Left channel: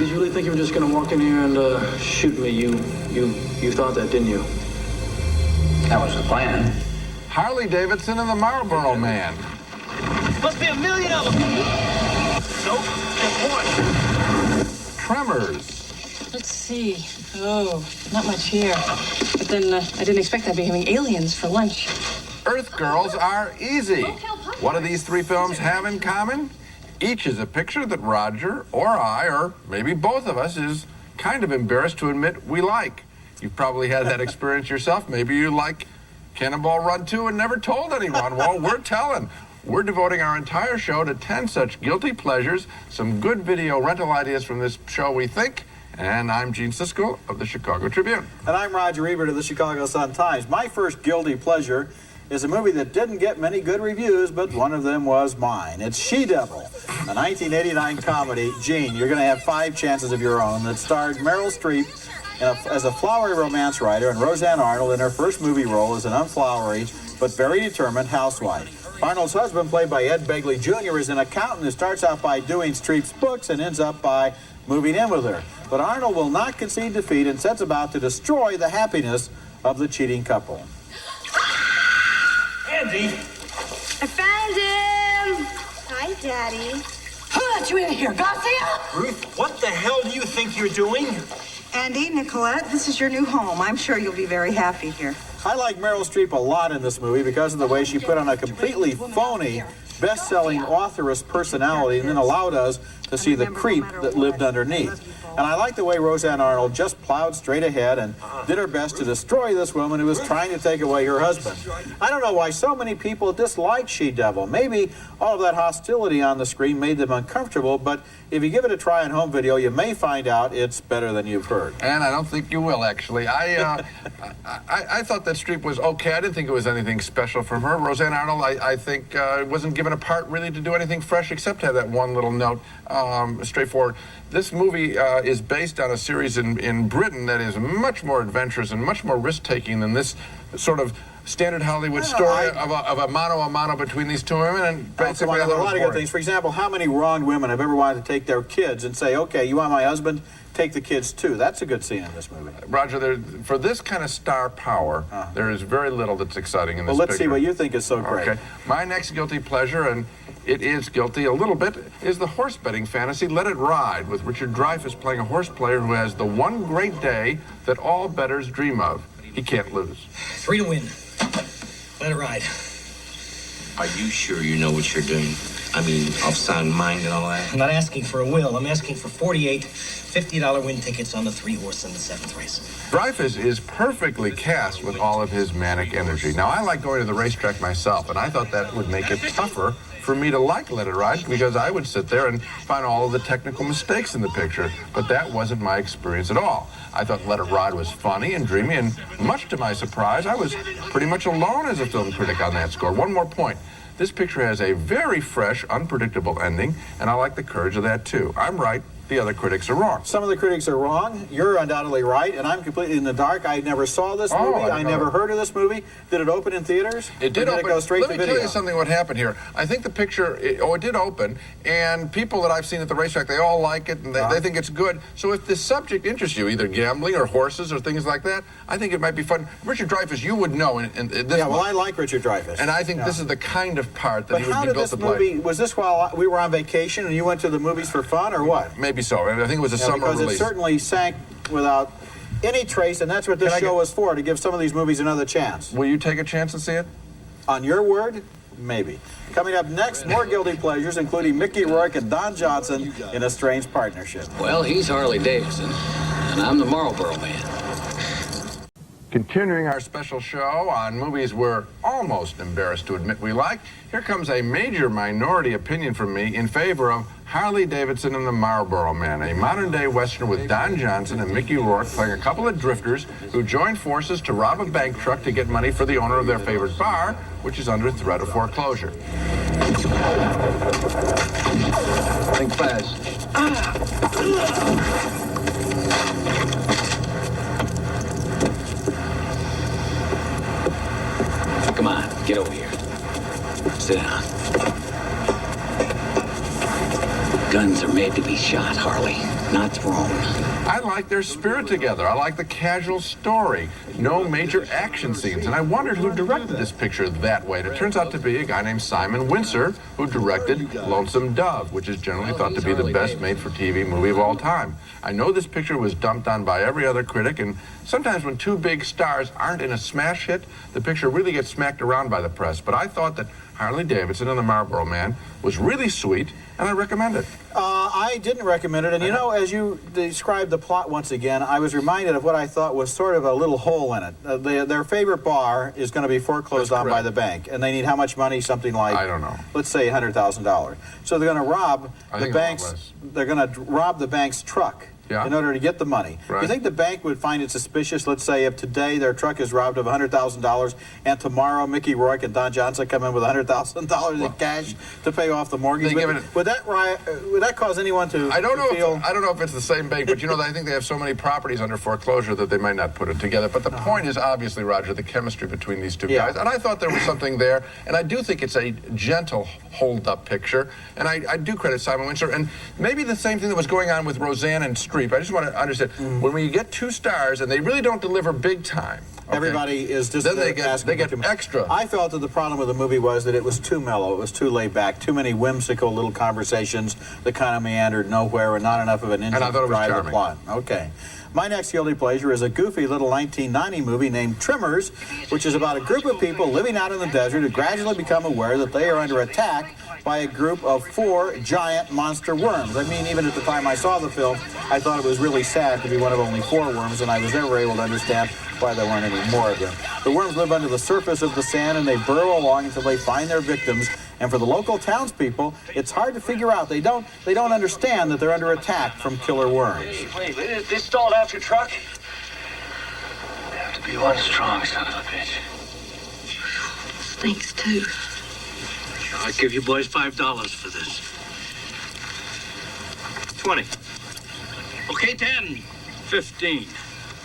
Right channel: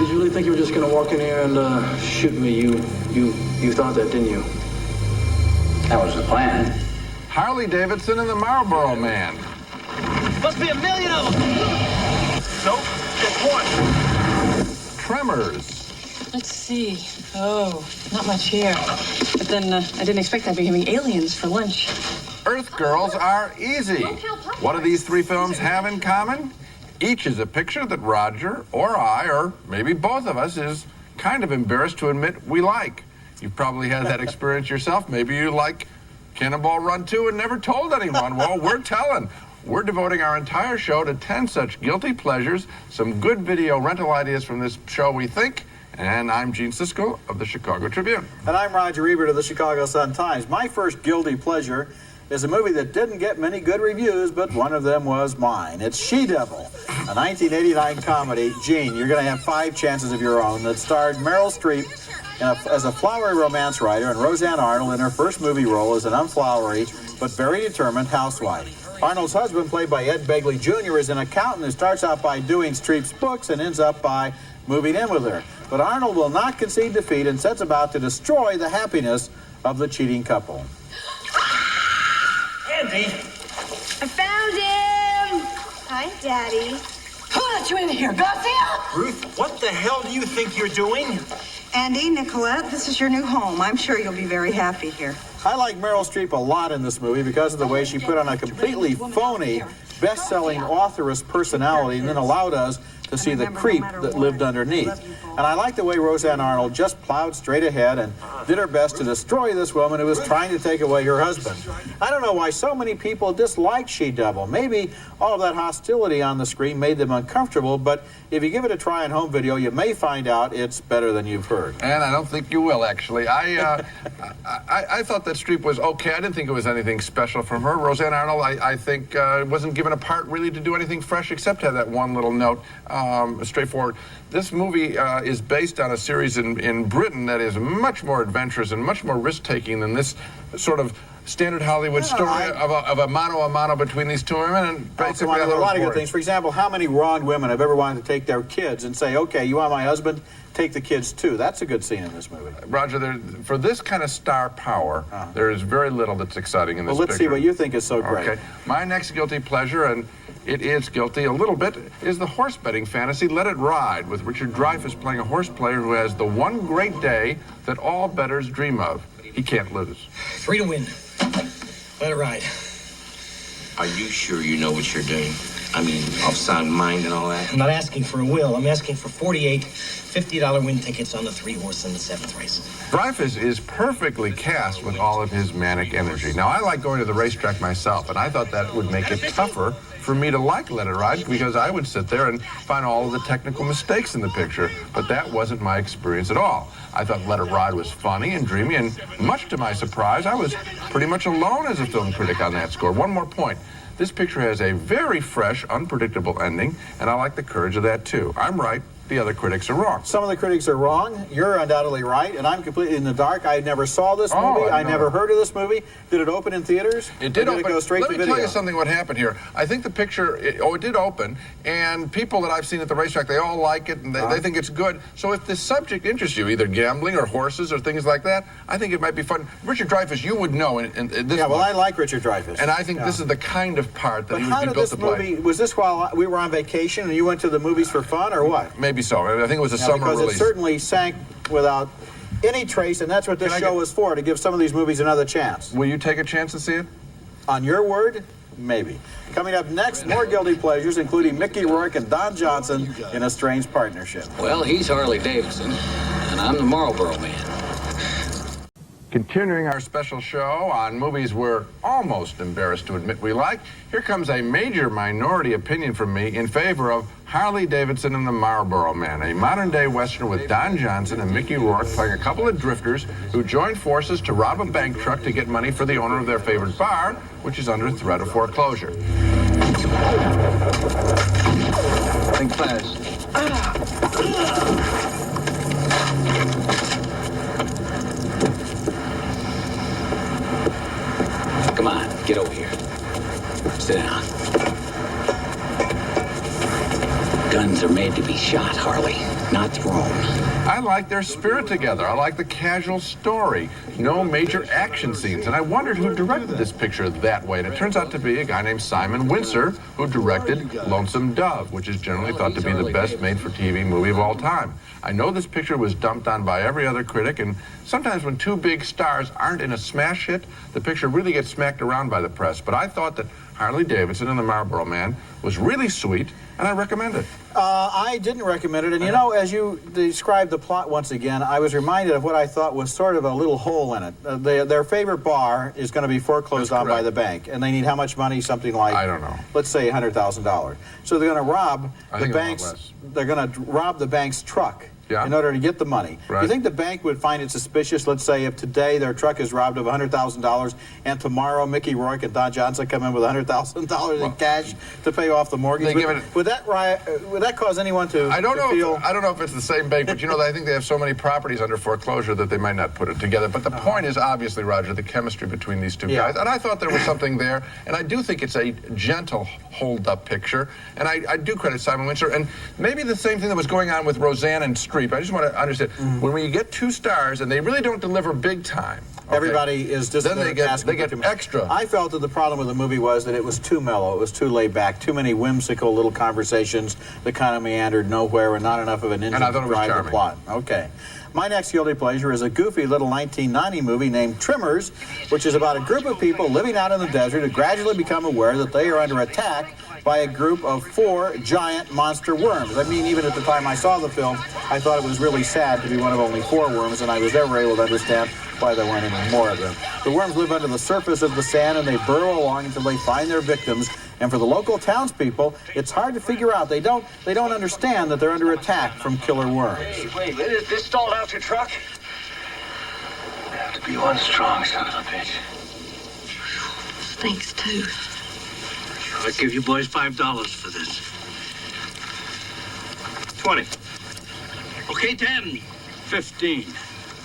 Did you really think you were just going to walk in here and shoot me? You thought that, didn't you? That was the plan. Harley Davidson and the Marlboro Man. Must be a million of them. Nope, just one. Tremors. Let's see. Oh, not much here. But then I didn't expect I'd be having aliens for lunch. Earth Girls Are Easy. What do these three films have in common? Each is a picture that Roger or I, or maybe both of us, is kind of embarrassed to admit we like. You've probably had that experience yourself. Maybe you like Cannonball Run 2 and never told anyone. Well, we're telling. We're devoting our entire show to 10 such guilty pleasures, some good video rental ideas from this show, we think. And I'm Gene Siskel of the Chicago Tribune. And I'm Roger Ebert of the Chicago Sun-Times. My first guilty pleasure is a movie that didn't get many good reviews, but one of them was mine. It's She-Devil, a 1989 comedy. Gene, you're going to have 5 chances of your own that starred Meryl Streep as a flowery romance writer and Roseanne Arnold in her first movie role as an unflowery but very determined housewife. Arnold's husband, played by Ed Begley Jr., is an accountant who starts out by doing Streep's books and ends up by moving in with her. But Arnold will not concede defeat and sets about to destroy the happiness of the cheating couple. Andy! I found him! Hi, Daddy. Who let you in here, Garcia? Ruth, what the hell do you think you're doing? Andy, Nicolette, this is your new home. I'm sure you'll be very happy here. I like Meryl Streep a lot in this movie because of the way she put on a completely phony, best-selling authoress personality and then allowed us to see the creep that lived underneath. And I like the way Roseanne Arnold just plowed straight ahead and did her best to destroy this woman who was trying to take away her husband. I don't know why so many people dislike She-Devil. Maybe all of that hostility on the screen made them uncomfortable, but if you give it a try on home video, you may find out it's better than you've heard. And I don't think you will, actually. I thought that Streep was okay. I didn't think it was anything special from her. Roseanne Arnold, I think, wasn't given a part really to do anything fresh except have that one little note, straightforward. This movie is based on a series in Britain that is much more adventurous and much more risk-taking than this sort of standard Hollywood story of a mano a mano between these two women. And basically, there are a lot of good things. For example, how many wronged women have ever wanted to take their kids and say, okay, you want my husband? Take the kids too. That's a good scene in this movie. Roger, for this kind of star power, there is very little that's exciting in this Well, let's picture. see what you think is so great. Okay. My next guilty pleasure, and it is guilty a little bit, is the horse betting fantasy Let It Ride, with Richard Dreyfuss playing a horse player who has the one great day that all bettors dream of. He can't lose. 3 to win. Let it ride. Are you sure you know what you're doing? I mean, of sound mind and all that? I'm not asking for a will. I'm asking for 48 $50 win tickets on the 3-horse in the 7th race. Dreyfuss is perfectly cast with all of his manic energy. Now, I like going to the racetrack myself, and I thought that would make it tougher for me to like Let It Ride, because I would sit there and find all of the technical mistakes in the picture. But that wasn't my experience at all. I thought Let It Ride was funny and dreamy, and much to my surprise, I was pretty much alone as a film critic on that score. One more point. This picture has a very fresh, unpredictable ending, and I like the courage of that, too. I'm right. The other critics are wrong. Some of the critics are wrong. You're undoubtedly right, and I'm completely in the dark. I never saw this movie. I never heard of this movie. Did it open in theaters? It did open. It go straight to video? Let me tell you something what happened here. I think the picture, it did open, and people that I've seen at the racetrack, they all like it, and they think it's good. So if the subject interests you, either gambling or horses or things like that, I think it might be fun. Richard Dreyfuss, you would know in this Yeah, well, I like Richard Dreyfuss. And I think this is the kind of part that he would be built to play. But how did this movie, was this while we were on vacation and you went to the movies for fun, or what? Maybe so. I think it was a summer because release. It certainly sank without any trace, and that's what this show was for, to give some of these movies another chance. Will you take a chance to see it? On your word? Maybe. Coming up next, more guilty pleasures, including Mickey Rourke and Don Johnson in a strange partnership. Well, he's Harley Davidson, and I'm the Marlboro Man. Continuing our special show on movies we're almost embarrassed to admit we like, here comes a major minority opinion from me in favor of Harley Davidson and the Marlboro Man, a modern-day Western with Don Johnson and Mickey Rourke playing a couple of drifters who join forces to rob a bank truck to get money for the owner of their favorite bar, which is under threat of foreclosure. Think fast. Come on, get over here. Sit down. Guns are made to be shot, Harley, not thrown. I like their spirit together. I like the casual story. No major action scenes. And I wondered who directed this picture that way. And it turns out to be a guy named Simon Wincer, who directed Lonesome Dove, which is generally thought to be the best made-for-TV movie of all time. I know this picture was dumped on by every other critic, and sometimes when two big stars aren't in a smash hit, the picture really gets smacked around by the press. But I thought that Harley Davidson and the Marlboro Man was really sweet, and I recommend it. I didn't recommend it, and you know, as you described the plot once again, I was reminded of what I thought was sort of a little hole in it. Their favorite bar is going to be foreclosed on by the bank, and they need how much money? Something like, I don't know. Let's say $100,000. So they're going to rob the bank's. They're going to rob the bank's truck. Yeah. In order to get the money. Right. You think the bank would find it suspicious, let's say, if today their truck is robbed of $100,000 and tomorrow Mickey Rourke and Don Johnson come in with $100,000 in cash to pay off the mortgage? Would that cause anyone to I don't feel... I don't know if it's the same bank, but you know, I think they have so many properties under foreclosure that they might not put it together. But the point is, obviously, Roger, the chemistry between these two guys. And I thought there was something there, and I do think it's a gentle hold-up picture. And I do credit Simon Wincer. And maybe the same thing that was going on with Roseanne and Streep. I just want to understand, when you get two stars and they really don't deliver big time, okay, everybody is just then they get extra. I felt that the problem with the movie was that it was too mellow, it was too laid back, too many whimsical little conversations that kind of meandered nowhere and not enough of an engine to drive the plot. Okay. My next guilty pleasure is a goofy little 1990 movie named Tremors, which is about a group of people living out in the desert who gradually become aware that they are under attack by a group of 4 giant monster worms. I mean, even at the time I saw the film, I thought it was really sad to be one of only 4 worms, and I was never able to understand why there weren't any more of them. The worms live under the surface of the sand, and they burrow along until they find their victims. And for the local townspeople, it's hard to figure out. They don't understand that they're under attack from killer worms. Hey, wait, is this stalled out your truck? You have to be one strong son of a bitch. Stinks, too. I'll give you boys $5 for this. 20. Okay, 10. 15.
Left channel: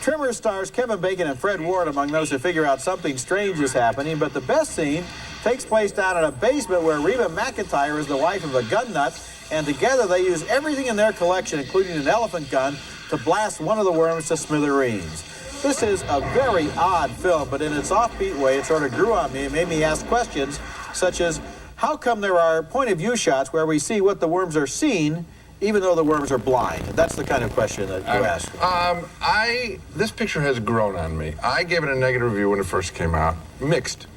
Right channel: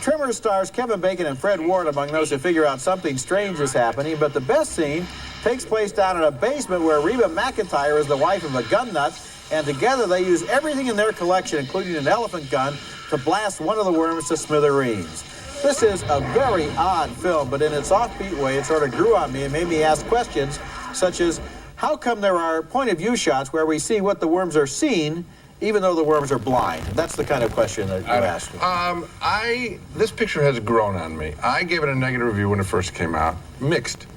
Tremors stars Kevin Bacon and Fred Ward among those who figure out something strange is happening, but the best scene takes place down in a basement where Reba McEntire is the wife of a gun nut, and together they use everything in their collection, including an elephant gun, to blast one of the worms to smithereens. This is a very odd film, but in its offbeat way, it sort of grew on me and made me ask questions such as, how come there are point-of-view shots where we see what the worms are seeing, even though the worms are blind? That's the kind of question that you asked. This picture has grown on me. I gave it a negative review when it first came out. Mixed.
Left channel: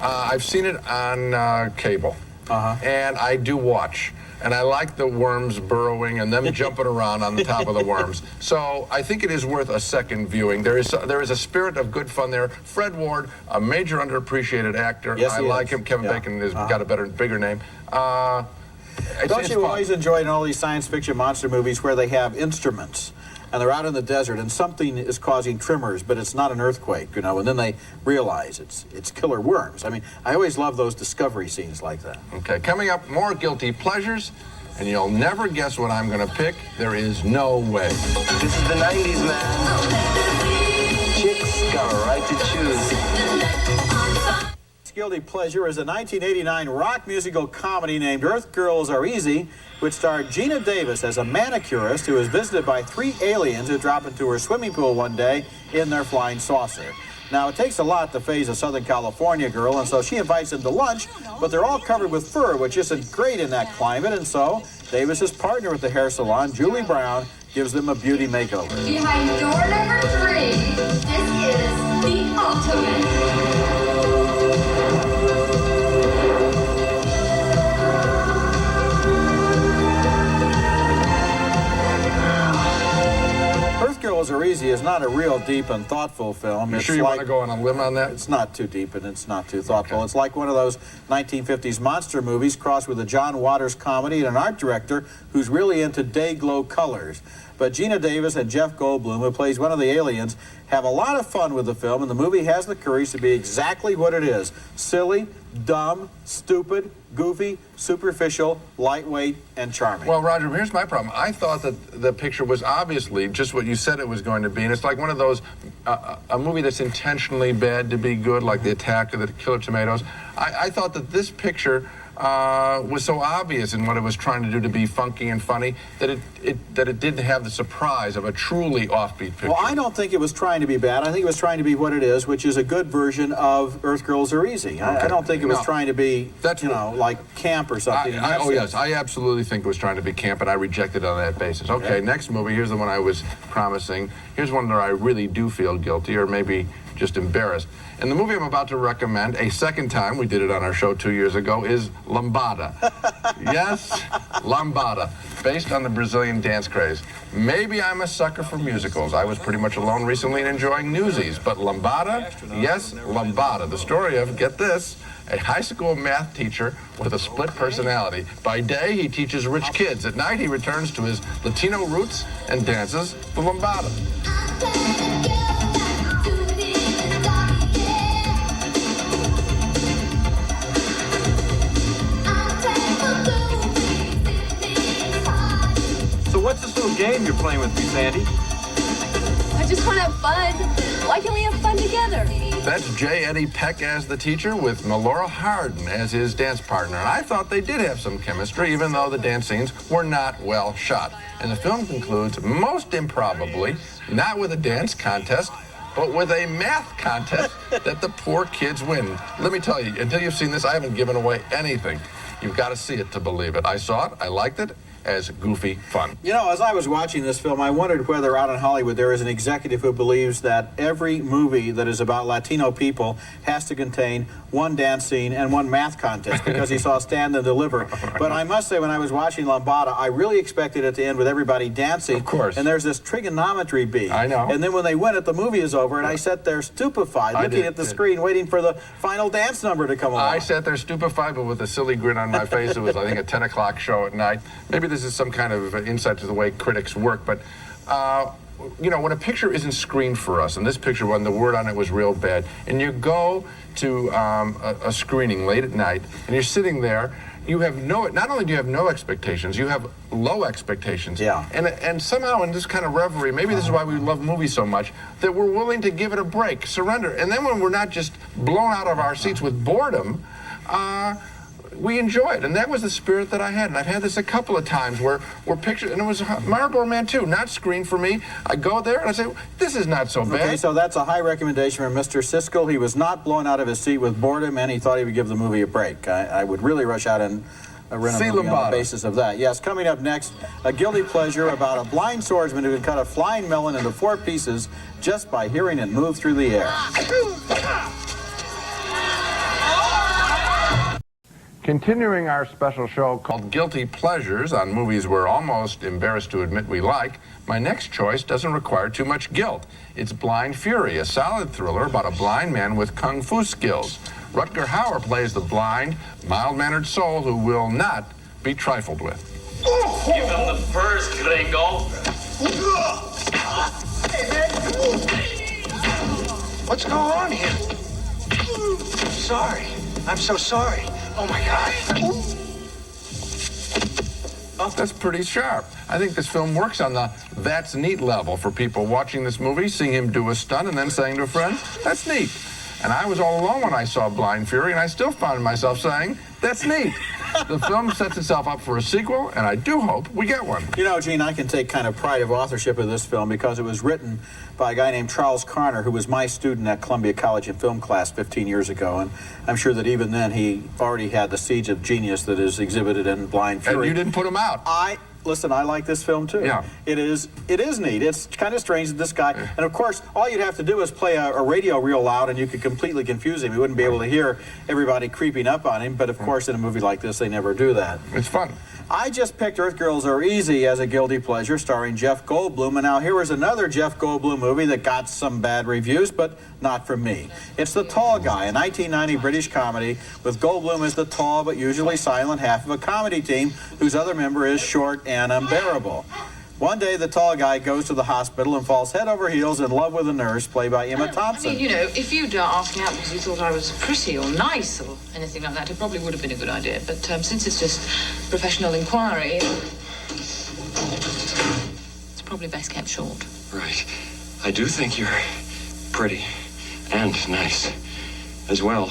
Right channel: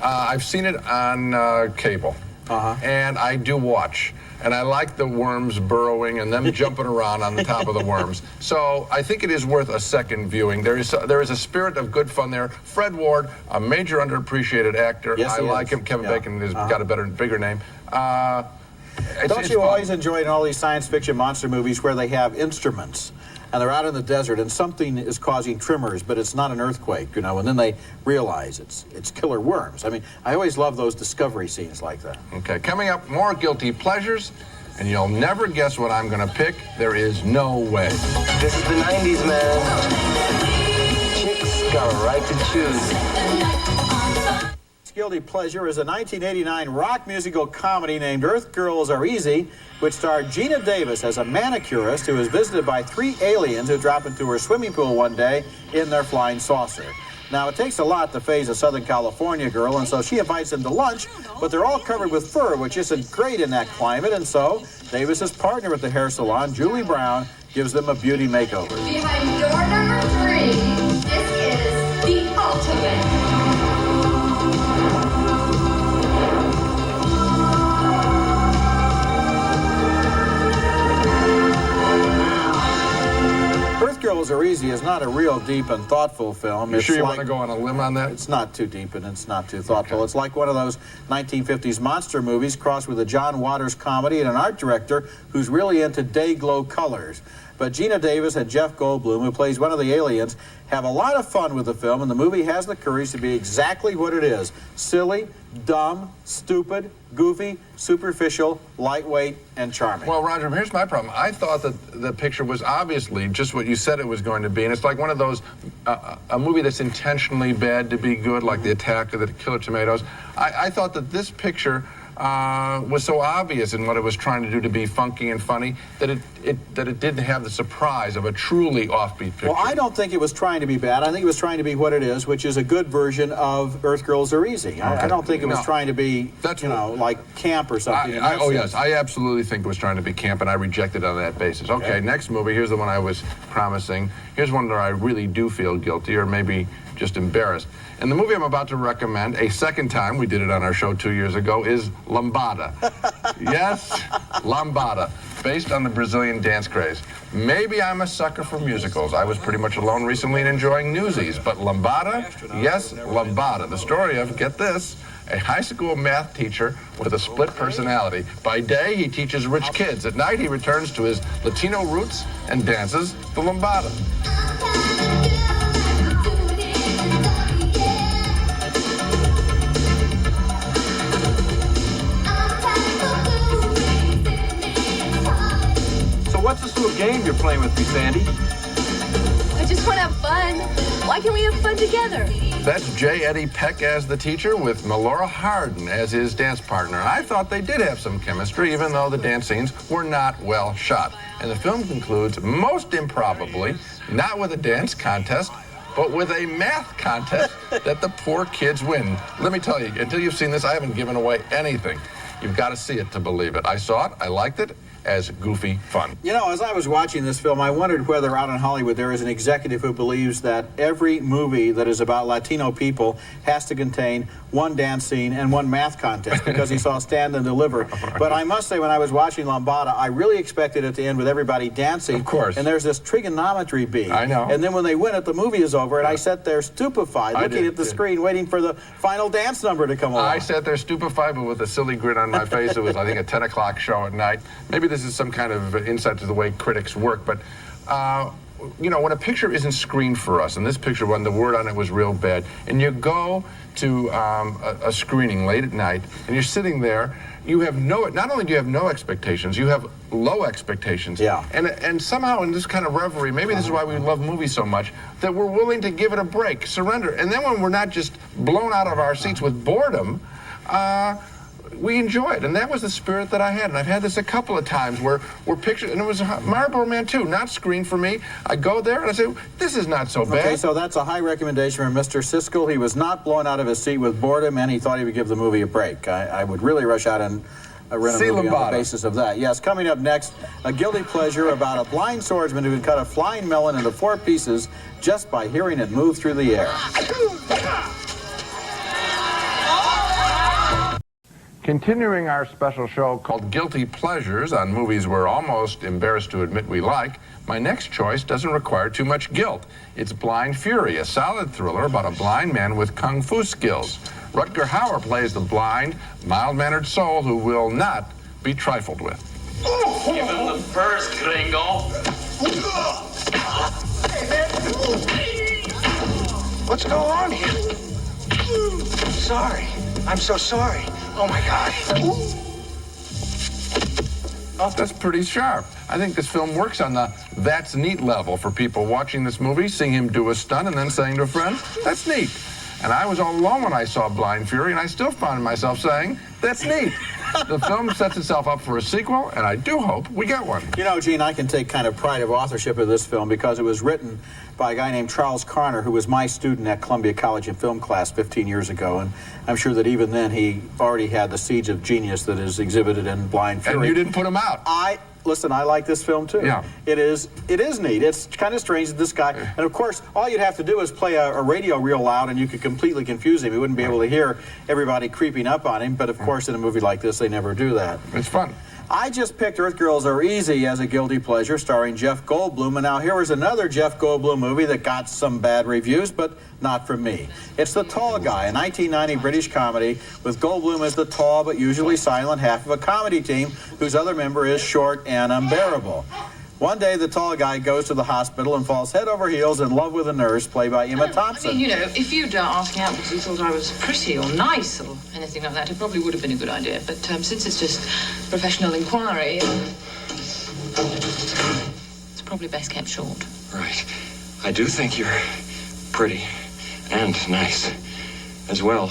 I've seen it on cable, and I do watch. And I like the worms burrowing and them jumping around on the top of the worms. So I think it is worth a second viewing. There is a spirit of good fun there. Fred Ward, a major underappreciated actor. Yes, I like him. Kevin Bacon has got a bigger name. Don't you always enjoy in all these science fiction monster movies where they have instruments and they're out in the desert and something is causing tremors, but it's not an earthquake, you know, and then they realize it's killer worms. I mean, I always love those discovery scenes like that. Okay, coming up, more guilty pleasures, and you'll never guess what I'm going to pick. There is no way. This is the 90s, man. Chicks got a right to choose. Guilty pleasure is a 1989 rock musical comedy named Earth Girls Are Easy, which starred Gina Davis as a manicurist who is visited by 3 aliens who drop into her swimming pool one day in their flying saucer. Now, it takes a lot to faze a Southern California girl, and so she invites them to lunch, but they're all covered with fur, which isn't great in that climate, and so Davis's partner at the hair salon, Julie Brown, gives them a beauty makeover. Behind door number 3, this is the ultimate. Girls Are Easy is not a real deep and thoughtful film. You It's sure you want like- to go on a limb on that? It's not too deep and it's not too thoughtful. Okay. It's like one of those 1950s monster movies crossed with a John Waters comedy and an art director who's really into day-glow colors. But Gina Davis and Jeff Goldblum, who plays one of the aliens, have a lot of fun with the film, and the movie has the courage to be exactly what it is: silly, dumb, stupid, goofy, superficial, lightweight, and charming. Well, Roger, here's my problem. I thought that the picture was obviously just what you said it was going to be, and it's like one of those, a movie that's intentionally bad to be good, like The Attack of the Killer Tomatoes. I thought that this picture was so obvious in what it was trying to do to be funky and funny that it didn't have the surprise of a truly offbeat picture. Well, I don't think it was trying to be bad. I think it was trying to be what it is, which is a good version of Earth Girls Are Easy. Okay. I don't think it was trying to be, That's you know, like camp or something. Oh, yes, I absolutely think it was trying to be camp, and I rejected it on that basis. Okay, next movie, here's the one I was promising. Here's one that I really do feel guilty, or maybe just embarrassed. And the movie I'm about to recommend, a second time, we did it on our show 2 years ago, is Lambada. Yes, Lambada, based on the Brazilian dance craze. Maybe I'm a sucker for musicals. I was pretty much alone recently and enjoying Newsies. But Lambada, yes, Lambada. The story of, get this, a high school math teacher with a split personality. By day, he teaches rich kids. At night, he returns to his Latino roots and dances the Lambada. What's this little game you're playing with me, Sandy? I just want to have fun. Why can't we have fun together? That's J. Eddie Peck as the teacher with Melora Hardin as his dance partner. And I thought they did have some chemistry, even though the dance scenes were not well shot. And the film concludes, most improbably, not with a dance contest, but with a math contest that the poor kids win. Let me tell you, until you've seen this, I haven't given away anything. You've got to see it to believe it. I saw it, I liked it, as goofy fun. You know, as I was watching this film, I wondered whether out in Hollywood there is an executive who believes that every movie that is about Latino people has to contain one dance scene and one math contest because he saw Stand and Deliver. But I must say, when I was watching Lambada, I really expected it to end with everybody dancing. Of course. And there's this trigonometry bee. I know. And then when they win it, the movie is over, and I sat there stupefied, looking at the screen, waiting for the final dance number to come along. I sat there stupefied, but with a silly grin on my face. It was, I think, a 10 o'clock show at night. Maybe this is some kind of insight to the way critics work, but you know, when a picture isn't screened for us, and this picture, when the word on it was real bad, and you go to a screening late at night, and you're sitting there, you have not only do you have no expectations, you have low expectations. Yeah. And somehow in this kind of reverie, maybe this is why we love movies so much, that we're willing to give it a break, surrender. And then when we're not just blown out of our seats with boredom, we enjoy it, and that was the spirit that I had. And I've had this a couple of times where pictures, and it was Marlboro Man too, not screened for me. I go there and I say, this is not so bad. Okay, so that's a high recommendation from Mr. Siskel. He was not blown out of his seat with boredom, and he thought he would give the movie a break. I would really rush out and rent a movie on the basis of that. Yes, coming up next, a guilty pleasure about a blind swordsman who can cut a flying melon into 4 pieces just by hearing it move through the air. Continuing our special show called Guilty Pleasures on movies we're almost embarrassed to admit we like, my next choice doesn't require too much guilt. It's Blind Fury, a solid thriller about a blind man with kung fu skills. Rutger Hauer plays the blind, mild-mannered soul who will not be trifled with. Give him the first, gringo. Hey, man. What's going on here? Sorry. I'm so sorry. Oh, my God. Oh, that's pretty sharp. I think this film works on the that's neat level for people watching this movie, seeing him do a stunt and then saying to a friend, that's neat. And I was all alone when I saw Blind Fury, and I still found myself saying, that's neat. The film sets itself up for a sequel, and I do hope we get one. You know, Gene, I can take kind of pride of authorship of this film because it was written by a guy named Charles Carner, who was my student at Columbia College in film class 15 years ago, and I'm sure that even then he already had the seeds of genius that is exhibited in Blind Fury. And you didn't put him out. Listen, I like this film too. Yeah. It is neat. It's kind of strange that this guy, and of course, all you'd have to do is play a radio real loud and you could completely confuse him. You wouldn't be able to hear everybody creeping up on him, but of course, in a movie like this, they never do that. It's fun. I just picked Earth Girls Are Easy as a guilty pleasure, starring Jeff Goldblum, and now here is another Jeff Goldblum movie that got some bad reviews, but not from me. It's The Tall Guy, a 1990 British comedy with Goldblum as the tall but usually silent half of a comedy team whose other member is short and unbearable. One day, the tall guy goes to the hospital and falls head over heels in love with a nurse, played by Emma Thompson. I mean, you know, if you'd asked me out because you thought I was pretty or nice or anything like that, it probably would have been a good idea. But since it's just professional inquiry, it's probably best kept short. Right. I do think you're pretty and nice as well.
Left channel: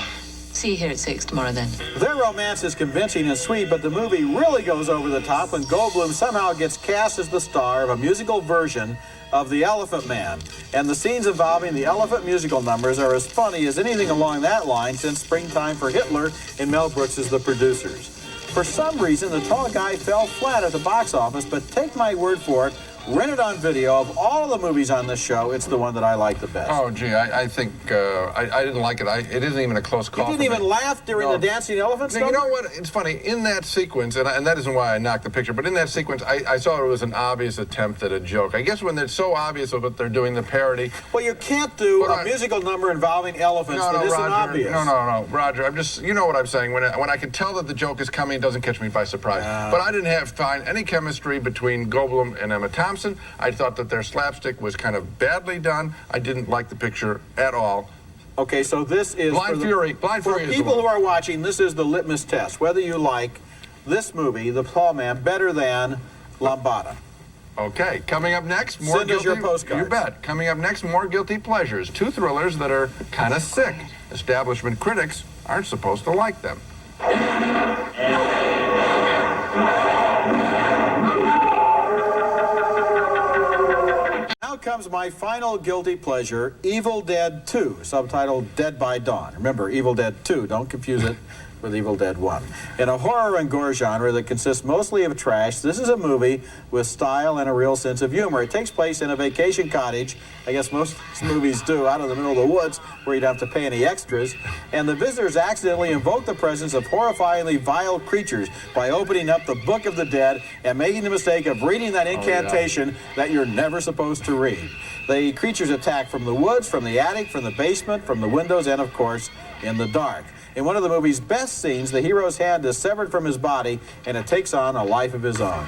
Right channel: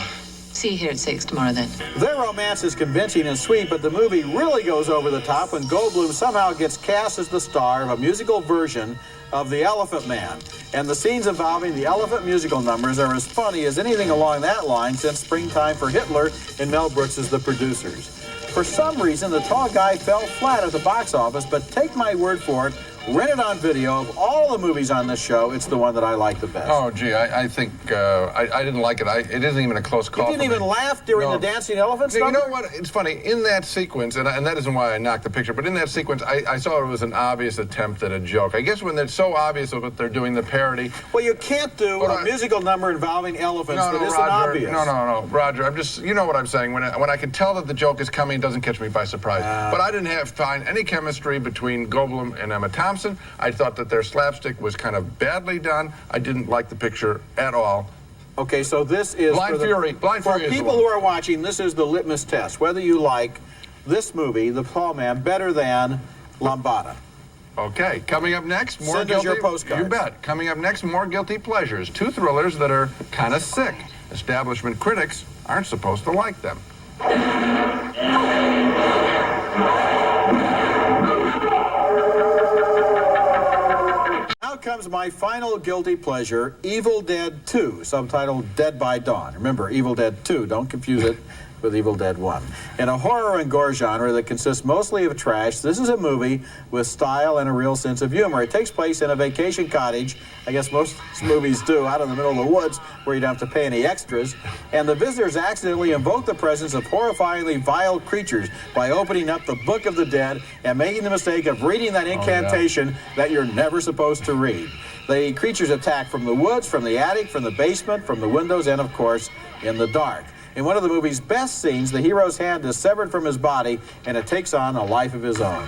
See you here at 6 tomorrow, then. Their romance is convincing and sweet, but the movie really goes over the top when Goldblum somehow gets cast as the star of a musical version of The Elephant Man. And the scenes involving the elephant musical numbers are as funny as anything along that line since Springtime for Hitler and Mel Brooks as the producers. For some reason, The Tall Guy fell flat at the box office, but take my word for it, rent it on video. Of all the movies on this show, it's the one that I like the best. Oh, gee, I think I didn't like it. It isn't even a close call. You didn't even laugh during the dancing elephants? You know what? It's funny. In that sequence, and that isn't why I knocked the picture, but in that sequence, I saw it was an obvious attempt at a joke. I guess when it's so obvious of what they're doing, the parody. Well, you can't do a musical number involving elephants that isn't Roger, obvious. No, Roger. I'm just, you know what I'm saying. When I can tell that the joke is coming, it doesn't catch me by surprise. But I didn't find any chemistry between Goldblum and Emma Thompson. I thought that their slapstick was kind of badly done. I didn't like the picture at all. Okay, so this is Blind Fury. For people who are watching, this is the litmus test. Whether you like this movie, The Tall Man, better than Lambada. Okay, coming up next, more Send us guilty. your postcards. You bet. Coming up next, more guilty pleasures. Two thrillers that are kind of sick. Establishment critics aren't supposed to like them. Now comes my final guilty pleasure, Evil Dead 2, subtitled Dead by Dawn. Remember, Evil Dead 2, don't confuse it with Evil Dead 1. In a horror and gore genre that consists mostly of trash, this is a movie with style and a real sense of humor. It takes place in a vacation cottage, I guess most movies do, out in the middle of the woods where you don't have to pay any extras, and the visitors accidentally invoke the presence of horrifyingly vile creatures by opening up the Book of the Dead and making the mistake of reading that incantation that you're never supposed to read. The creatures attack from the woods, from the attic, from the basement, from the windows, and of course, in the dark. In one of the movie's best scenes, the hero's hand is severed from his body, and it takes on a life of his own.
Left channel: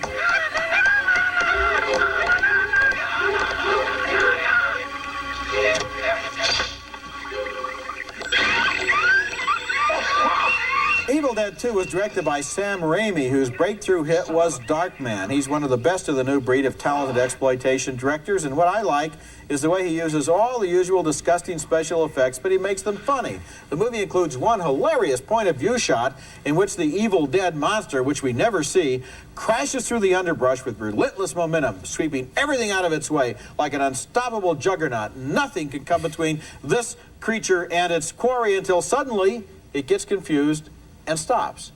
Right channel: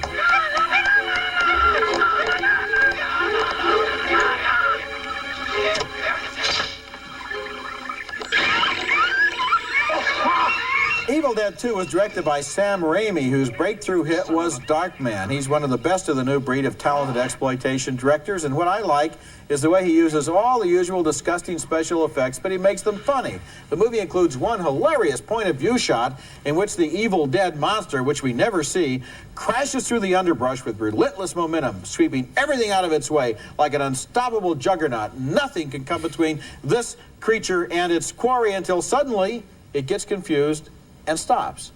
Evil Dead 2 was directed by Sam Raimi, whose breakthrough hit was Darkman. He's one of the best of the new breed of talented exploitation directors, and what I like is the way he uses all the usual disgusting special effects, but he makes them funny. The movie includes one hilarious point-of-view shot in which the Evil Dead monster, which we never see, crashes through the underbrush with relentless momentum, sweeping everything out of its way like an unstoppable juggernaut. Nothing can come between this creature and its quarry until suddenly it gets confused and stops.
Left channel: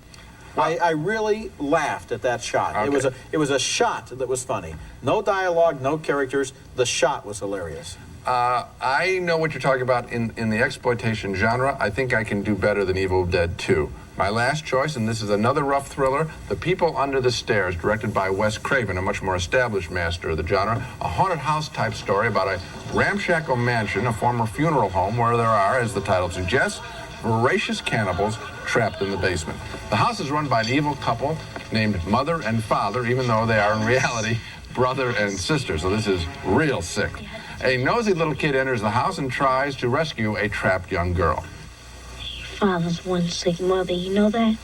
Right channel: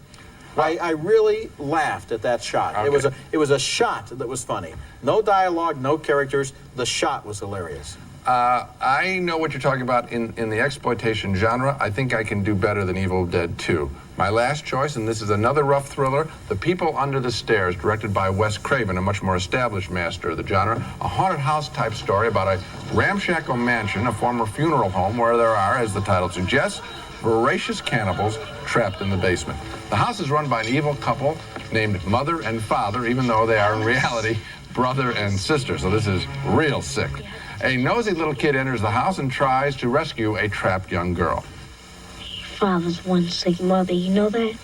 I really laughed at that shot. Okay. It was a shot that was funny. No dialogue, no characters. The shot was hilarious. I know what you're talking about in the exploitation genre. I think I can do better than Evil Dead 2. My last choice, and this is another rough thriller, The People Under the Stairs, directed by Wes Craven, a much more established master of the genre. A haunted house type story about a ramshackle mansion, a former funeral home, where there are, as the title suggests, voracious cannibals trapped in the basement. The house is run by an evil couple named Mother and Father, even though they are in reality brother and sister, so this is real sick. A nosy little kid enters the house and tries to rescue a trapped young girl. Father's one sick mother, you know that?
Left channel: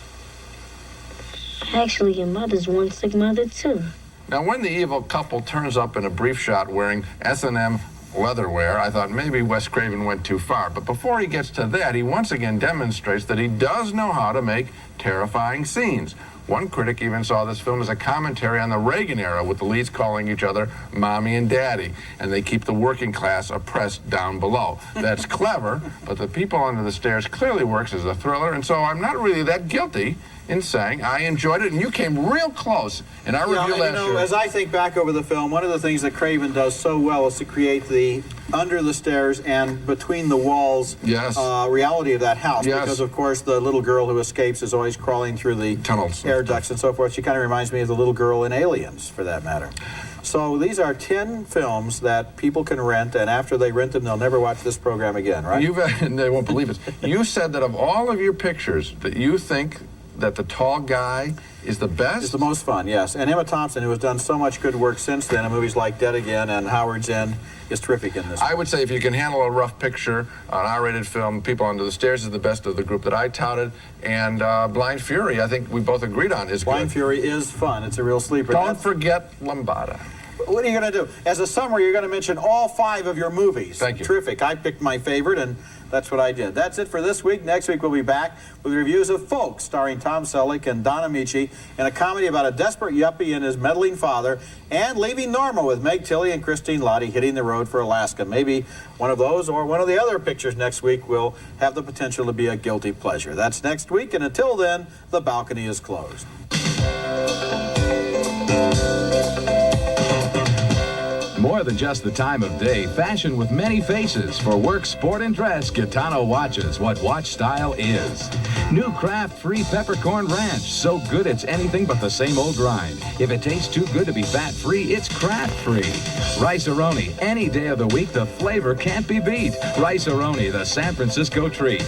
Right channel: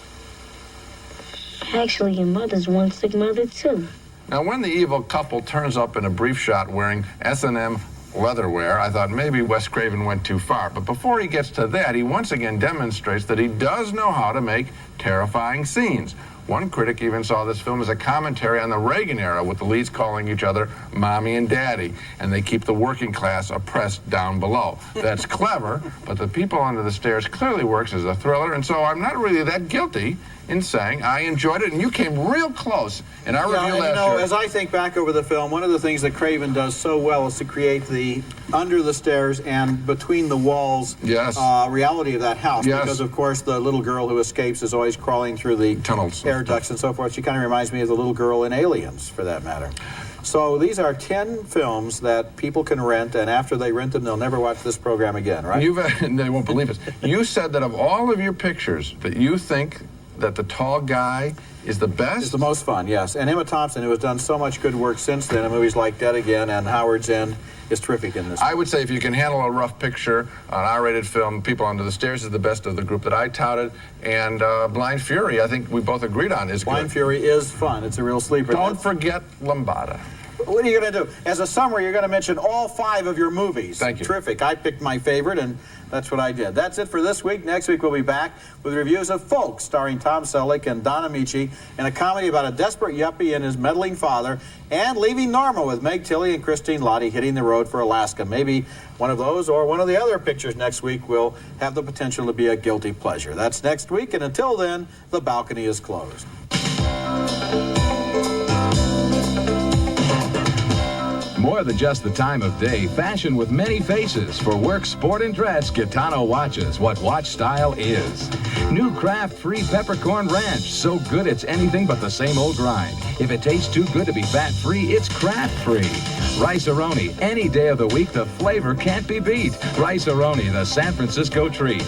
Actually, your mother's one sick mother, too. Now, when the evil couple turns up in a brief shot wearing S&M leatherwear, I thought maybe Wes Craven went too far. But before he gets to that, he once again demonstrates that he does know how to make terrifying scenes. One critic even saw this film as a commentary on the Reagan era, with the leads calling each other Mommy and Daddy, and they keep the working class oppressed down below. That's clever, but The People Under the Stairs clearly works as a thriller, and so I'm not really that guilty in saying I enjoyed it, and you came real close in our review last year. As I think back over the film, one of the things that Craven does so well is to create the under the stairs and between the walls reality of that house. Yes. Because, of course, the little girl who escapes is always crawling through the tunnels, air ducts and so forth. She kind of reminds me of the little girl in Aliens, for that matter. So these are 10 films that people can rent, and after they rent them, they'll never watch this program again, right? They won't believe it. You said that of all of your pictures, that you think that the Tall Guy is the best? It's the most fun, yes. And Emma Thompson, who has done so much good work since then in movies like Dead Again and Howard's End, is terrific in this. I would say if you can handle a rough picture, an R-rated film, People Under the Stairs is the best of the group that I touted, and Blind Fury, I think we both agreed on, is Blind Fury is fun. It's a real sleeper. Don't forget Lambada. What are you going to do? As a summary, you're going to mention all 5 of your movies. Thank you. Terrific. I picked my favorite, and that's what I did. That's it for this week. Next week, we'll be back with reviews of Folks, starring Tom Selleck and Don Amici, and a comedy about a desperate yuppie and his meddling father, and Leaving Normal with Meg Tilly and Christine Lottie hitting the road for Alaska. Maybe one of those or one of the other pictures next week will have the potential to be a guilty pleasure. That's next week, and until then, the balcony is closed. More than just the time of day, fashion with many faces. For work, sport, and dress, Gitano watches what watch style is. New Kraft-free peppercorn ranch. So good it's anything but the same old grind. If it tastes too good to be fat-free, it's Kraft-free. Rice-A-Roni. Any day of the week, the flavor can't be beat. Rice-A-Roni, the San Francisco treat.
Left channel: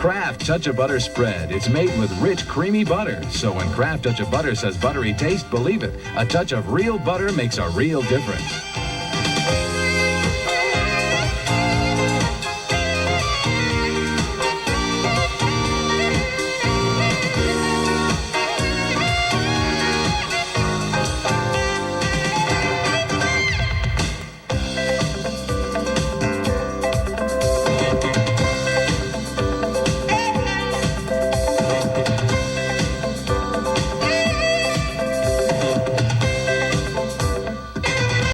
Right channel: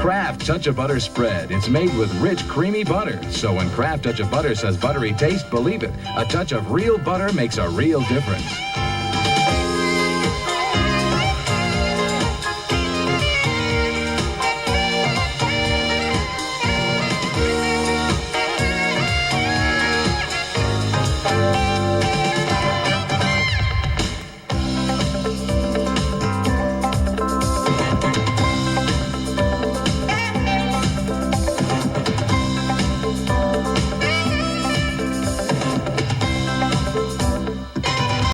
Kraft Touch of Butter spread. It's made with rich, creamy butter. So when Kraft Touch of Butter says buttery taste, believe it. A touch of real butter makes a real difference.